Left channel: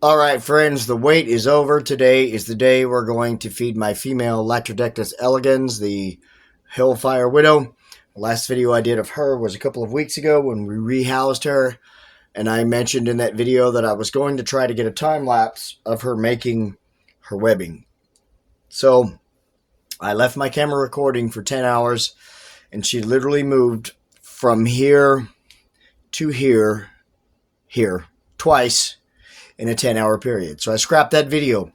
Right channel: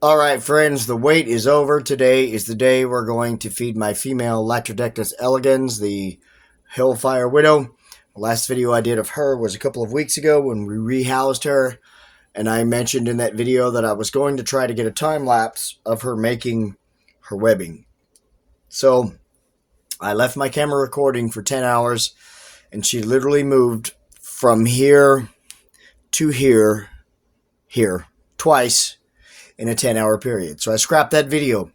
All right, friends, the wait is over. Today is the day we're going to feed my female Latrodectus elegans, the HELLFIRE Widow. The last video I did of her was a couple of weeks ago when we rehoused her, and I mentioned in that video that I was going to try to get a time lapse of her making her webbing. So I left my camera recording for 10 hours, and she literally moved from here to here, twice in a 10-hour period. So I scrapped that video.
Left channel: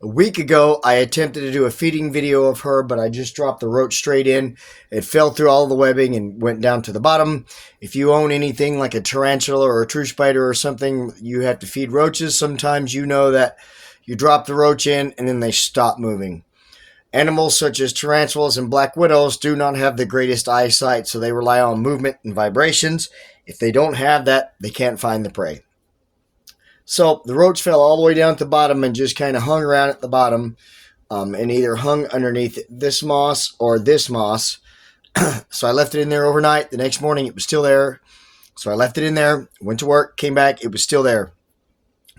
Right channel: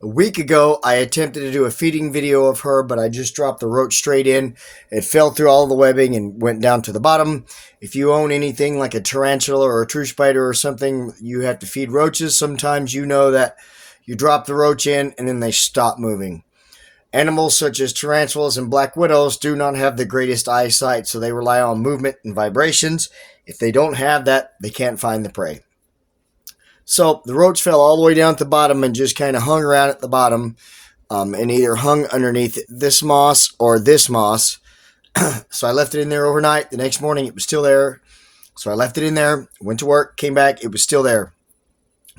A week ago, I attempted to do a feeding video of her, but I just dropped the roach straight in. It fell through all the webbing and went down to the bottom. If you own anything like a tarantula or a true spider or something, you have to feed roaches. Sometimes you know that you drop the roach in and then they stop moving. Animals such as tarantulas and black widows do not have the greatest eyesight, so they rely on movement and vibrations. If they don't have that, they can't find the prey. So the roach fell all the way down at the bottom and just kind of hung around at the bottom, and either hung underneath this moss or this moss. So I left it in there overnight. The next morning it was still there. So I left it in there, went to work, came back, it was still there.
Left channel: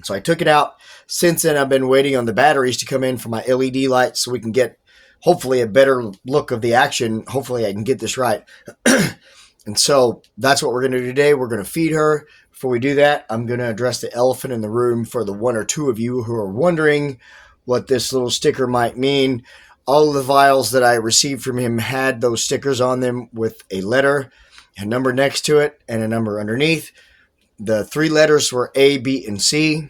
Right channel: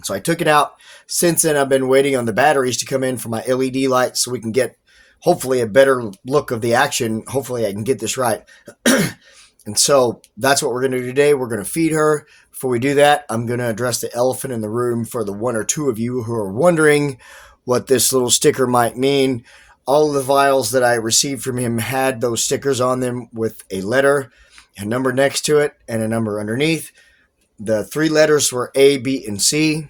So I took it out. Since then, I've been waiting on the batteries to come in for my LED lights so we can get hopefully a better look of the action. Hopefully I can get this right. And so that's what we're going to do today. We're going to feed her. Before we do that, I'm going to address the elephant in the room for the one or two of you who are wondering what this little sticker might mean. All of the vials that I received from him had those stickers on them with a letter, a number next to it, and a number underneath. The three letters were A, B, and C.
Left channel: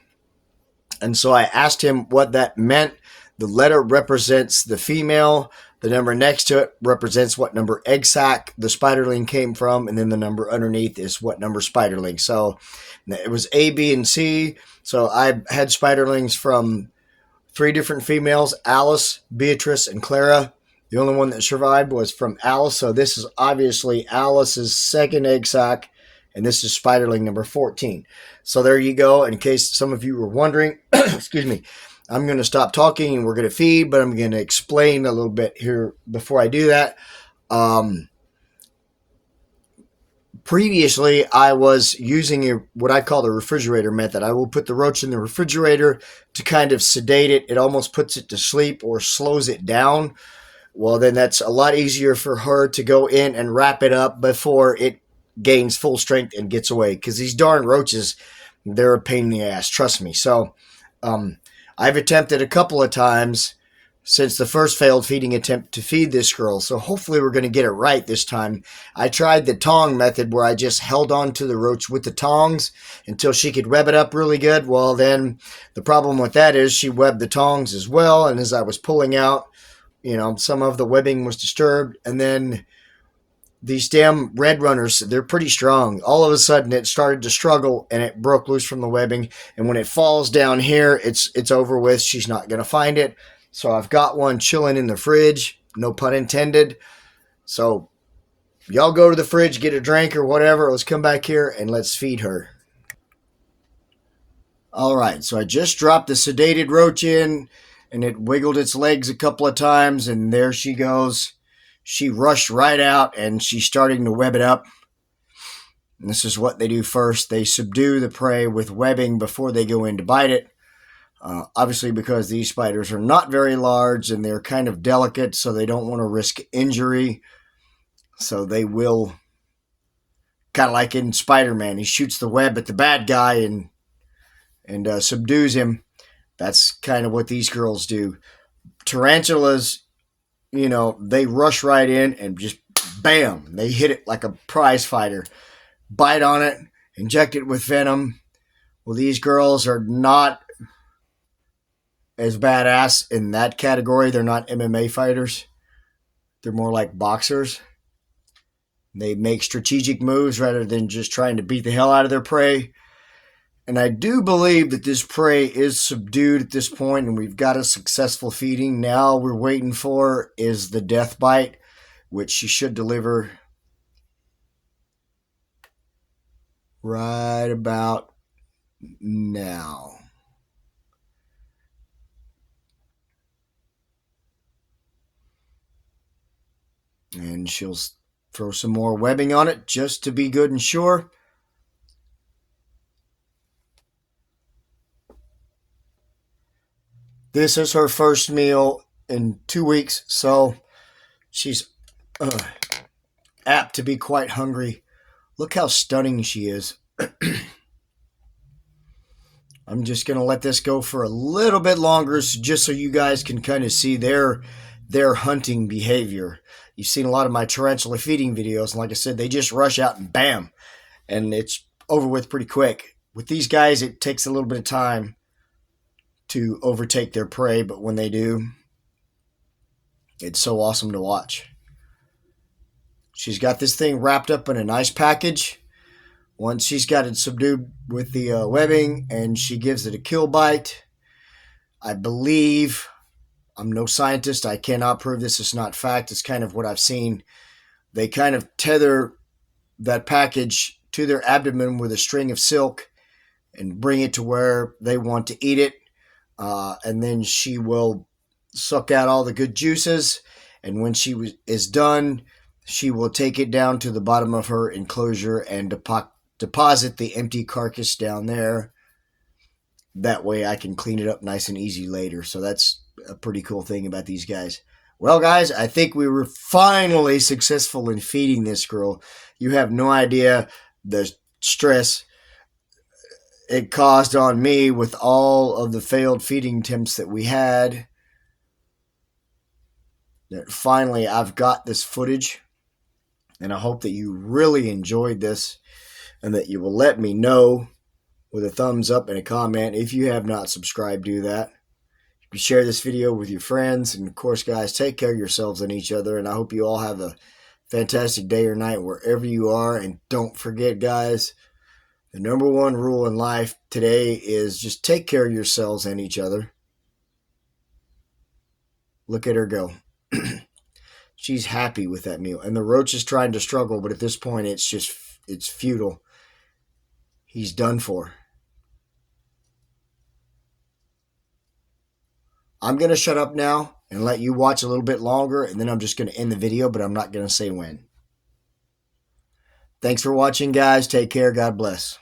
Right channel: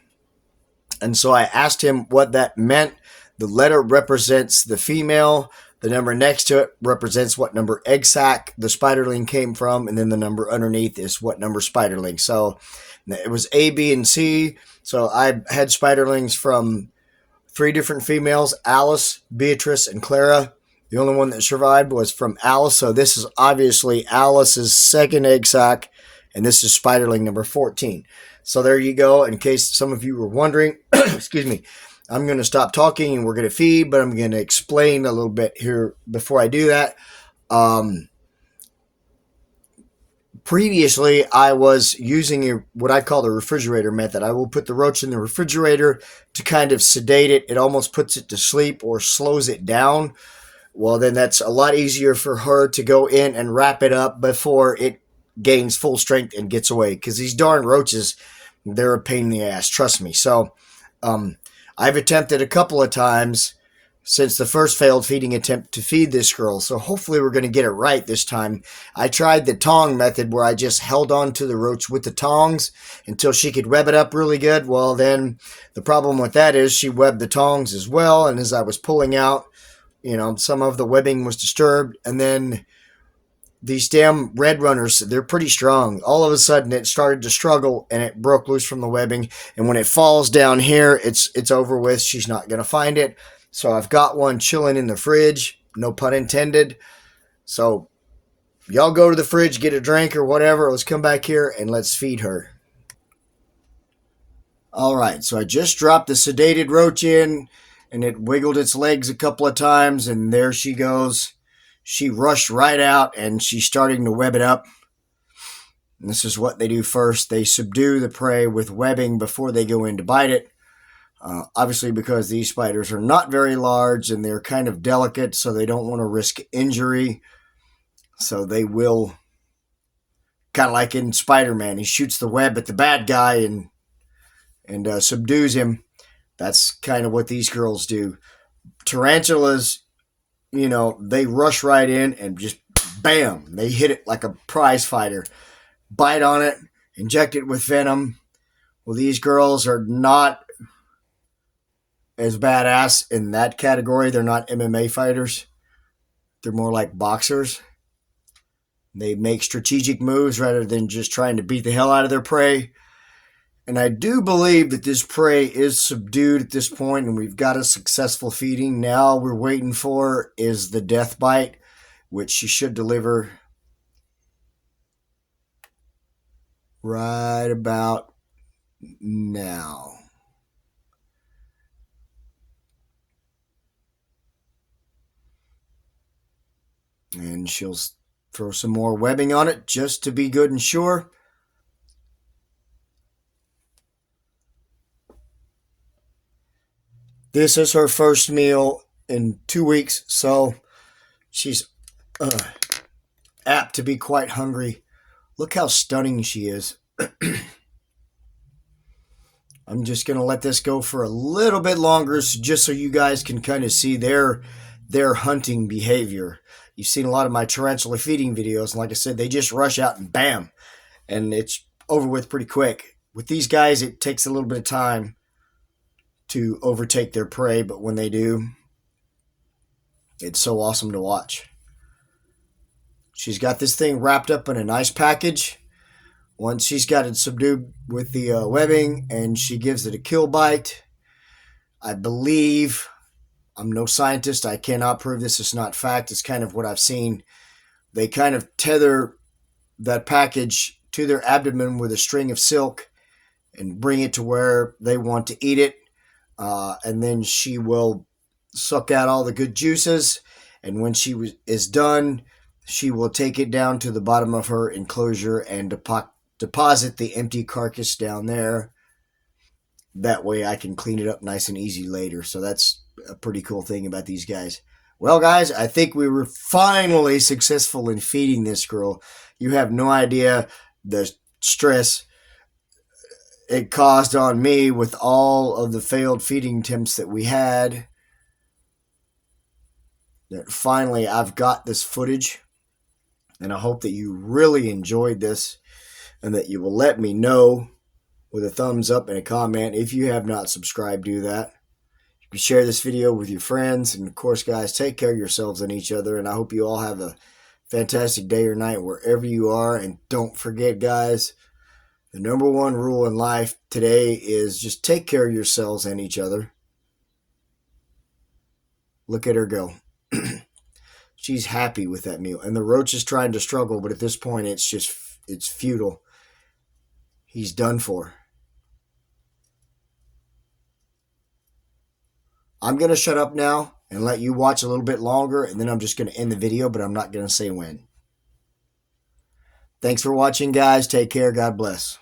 And so I asked him what that meant. The letter represents the female. The number next to it represents what number egg sac the spiderling came from, and then the number underneath is what number spiderling. So it was A, B, and C. So I had spiderlings from three different females, Alice, Beatrice, and Clara. The only one that survived was from Alice. So this is obviously Alice's second egg sac, and this is spiderling number 14. So there you go. In case some of you were wondering, excuse me, I'm going to stop talking and we're going to feed, but I'm going to explain a little bit here before I do that. Previously, I was using what I call the refrigerator method. I will put the roach in the refrigerator to kind of sedate it. It almost puts it to sleep or slows it down. Well, then that's a lot easier for her to go in and wrap it up before it gains full strength and gets away. Because these darn roaches, they're a pain in the ass, trust me. So, I've attempted a couple of times since the first failed feeding attempt to feed this girl, so hopefully we're going to get it right this time. I tried the tong method where I just held on to the roach with the tongs until she could web it up really good. Well, then the problem with that is she webbed the tongs as well, and as I was pulling out, some of the webbing was disturbed, and then these damn red runners, they're pretty strong. All of a sudden, it started to struggle, and it broke loose from the webbing. And when it falls down here, it's over with. She's not going to find it. So I've got one chilling in the fridge, no pun intended. So y'all go to the fridge, get a drink or whatever. Let's come back here, and let's feed her. All right, so I just dropped the sedated roach in, and it wiggled its legs a couple of times, and there she goes. She rushed right out, and she's starting to web it up. And this is what they do first. They subdue the prey with webbing before they go in to bite it. Obviously, because these spiders are not very large, and they're kind of delicate, so they don't want to risk injury. So they will, kind of like in Spider-Man, he shoots the web at the bad guy and subdues him. That's kind of what these girls do. Tarantulas, they rush right in and just bam, they hit it like a prize fighter. Bite on it, inject it with venom. Well, these girls are not as badass in that category. They're not MMA fighters. They're more like boxers. They make strategic moves rather than just trying to beat the hell out of their prey. And I do believe that this prey is subdued at this point, and we've got a successful feeding. Now we're waiting for is the death bite, which she should deliver right about now. And she'll throw some more webbing on it just to be good and sure. This is her first meal in 2 weeks, so she's apt to be quite hungry. Look how stunning she is. I'm just going to let this go for a little bit longer just so you guys can kind of see their hunting behavior. You've seen a lot of my tarantula feeding videos, and like I said, they just rush out and bam, and it's over with pretty quick. With these guys, it takes a little bit of time to overtake their prey, but when they do, it's so awesome to watch. She's got this thing wrapped up in a nice package. Once she's got it subdued with the webbing and she gives it a kill bite, I believe, I'm no scientist, I cannot prove this is not fact, it's kind of what I've seen. They kind of tether that package to their abdomen with a string of silk and bring it to where they want to eat it. And then she will suck out all the good juices. And when she is done, she will take it down to the bottom of her enclosure and deposit the empty carcass down there. That way I can clean it up nice and easy later. So that's a pretty cool thing about these guys. Well, guys, I think we were finally successful in feeding this girl. You have no idea the stress it caused on me with all of the failed feeding attempts that we had. Finally, I've got this footage, and I hope that you really enjoyed this and that you will let me know with a thumbs up and a comment. If you have not subscribed, do that. You can share this video with your friends, and of course, guys, take care of yourselves and each other, and I hope you all have a fantastic day or night wherever you are. And don't forget, guys, the number one rule in life today is just take care of yourselves and each other. Look at her go. She's happy with that meal. And the roach is trying to struggle, but at this point, it's futile. He's done for. I'm going to shut up now and let you watch a little bit longer, and then I'm just going to end the video, but I'm not going to say when. Thanks for watching, guys. Take care. God bless.